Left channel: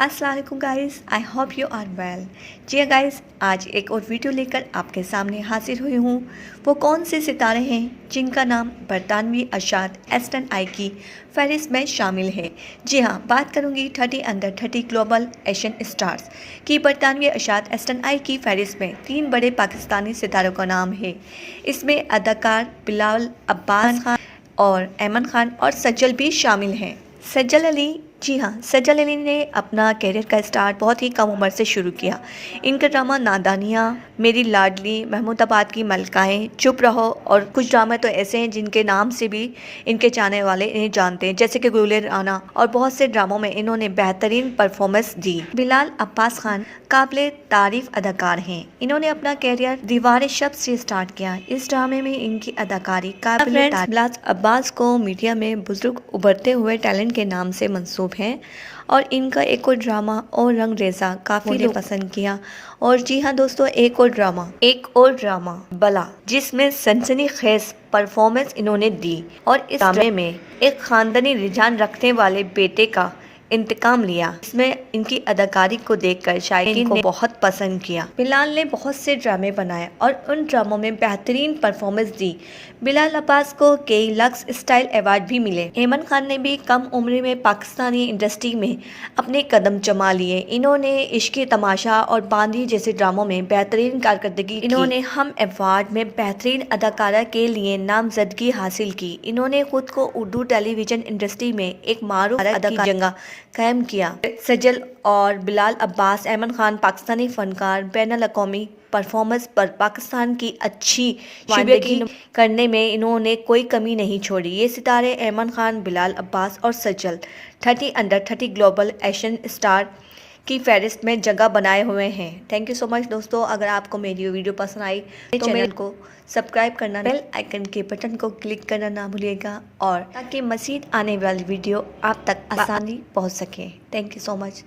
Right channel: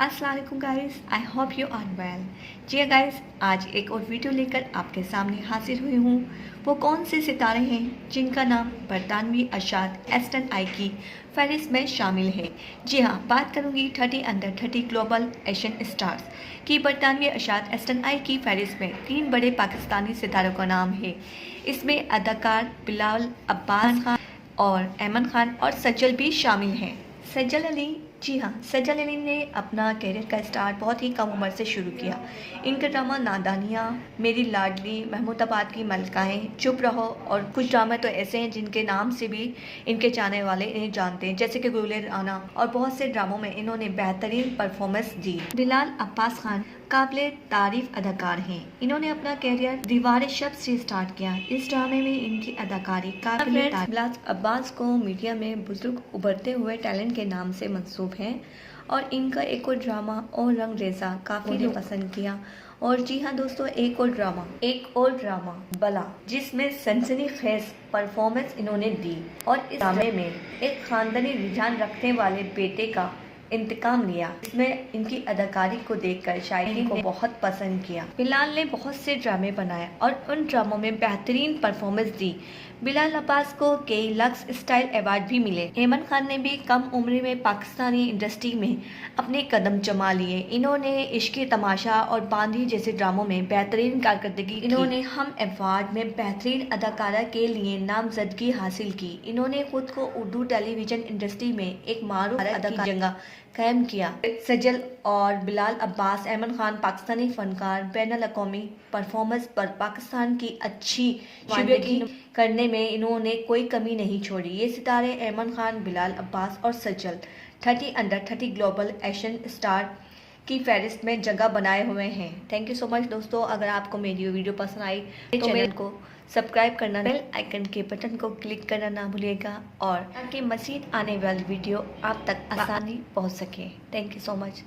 अस्सलाम वालेकुम guys, I hope you are well. जी गाइस, आज एक और वीडियो लेकर आपके सामने हाजिर हुई हूँ। वो कौन से सितारे हैं जिनका नाम बरतानवी अशात एस10i की फहरिस्त में शामिल है। जी हाँ, बात करूँगी 30 अंडर 30 ग्लोबल एशियन स्टार्स की। बरतानवी अशात एस10i की फहरिस्त में 3 बड़े पाकिस्तानी सितारों का नाम है। इसमें अदाकार बिलाल अब्बास खान और ऐमन खान और सज्जल भी शामिल हैं। सज्जल अली, जी हाँ, सज्जल अली ने अपना कैरियर का स्टार्ट बहुत ही कम उम्र से शुरू किया। इनका ड्रामा नादानियाँ, मेरी लाडली, महमूदाबाद की मलकाएँ, चुप रहो और कुछ ड्रामे तो ऐसे हैं जिनके नाम से भी इनके चाहने वाले इन्हें जानते हैं, जैसे कि गुले राना, और बहुत से ड्रामों में इन्होंने बेहतरीन परफॉर्मेंस दी। बिलाल अब्बास खान काबिल तारीफ अदाकार हैं। इन्होंने अपना कैरियर दीवार शब से स्टार्ट किया। इस ड्रामे में इनकी अदाकारी काबिल तारीफ। बिलाल अब्बास को मीडिया में बुजुर्ग उभरते हुए टैलेंट के नाम से मंसूब हैं और इनका एक और ड्रामा और रंग रेजा काफ़ी लोग पसंद किया। और जी हाँ दोस्तों, एक और ड्रामा बला, जिसमें सनसनीखेज परफॉर्मेंस इन्होंने दी और इस ड्रामे में एक खानदानी रुझान रखने वाले बेटे का इंतकाम लिया। इसमें इनकी अदाकारी को देखकर शायरीन को बहुत पसंद किया। बिलाल ने बहुत से ड्रामे बनाए और उन ड्रामों में बेहतरीन परफॉर्मेंस दी। बिलाल अब्बास को कई लक्स स्टाइल अवार्ड भी मिले। ऐमन खान ने भी कम उम्र में पाकिस्तानी इंडस्ट्री में अपने कदम जमा लिए। इन्होंने इश्क़ तमाशा और बांदी जैसे ड्रामों में बेहतरीन कारकर्दगी की। इन्होंने हम अवार्ड में बेहतरीन अदाकारा के लिए नामजदगी हासिल की। इन्होंने खुद को उर्दू टेलीविजन इंडस्ट्री में एक मारूफ अदाकार की जगह कायम किया। सज्जल और बिलाल अब्बास, ऐमन खान पाकिस्तानी फनकार बैनुल अक़वामी परफॉर्मेंस पर पाकिस्तान की अच्छी वानगी करने में इन्होंने कोई कमी नहीं छोड़ी। ये सितारे ऐमन खान, बिलाल अब्बास और सज्जल 30 अंडर 30 ग्लोबल एशियन स्टार की फहरिस्त में जगह बनाए हुए हैं। थैंक यू सो मच दोस्तों। अगर आपको मेरी वीडियो पसंद आई तो चैनल को सब्सक्राइब करना, बेल आइकन के बटन को क्लिक करना ना भूलिएगा, और ताकि मज़ीद आने वाली वीडियो आप तक आसानी पहुंच सके। Thank you so much.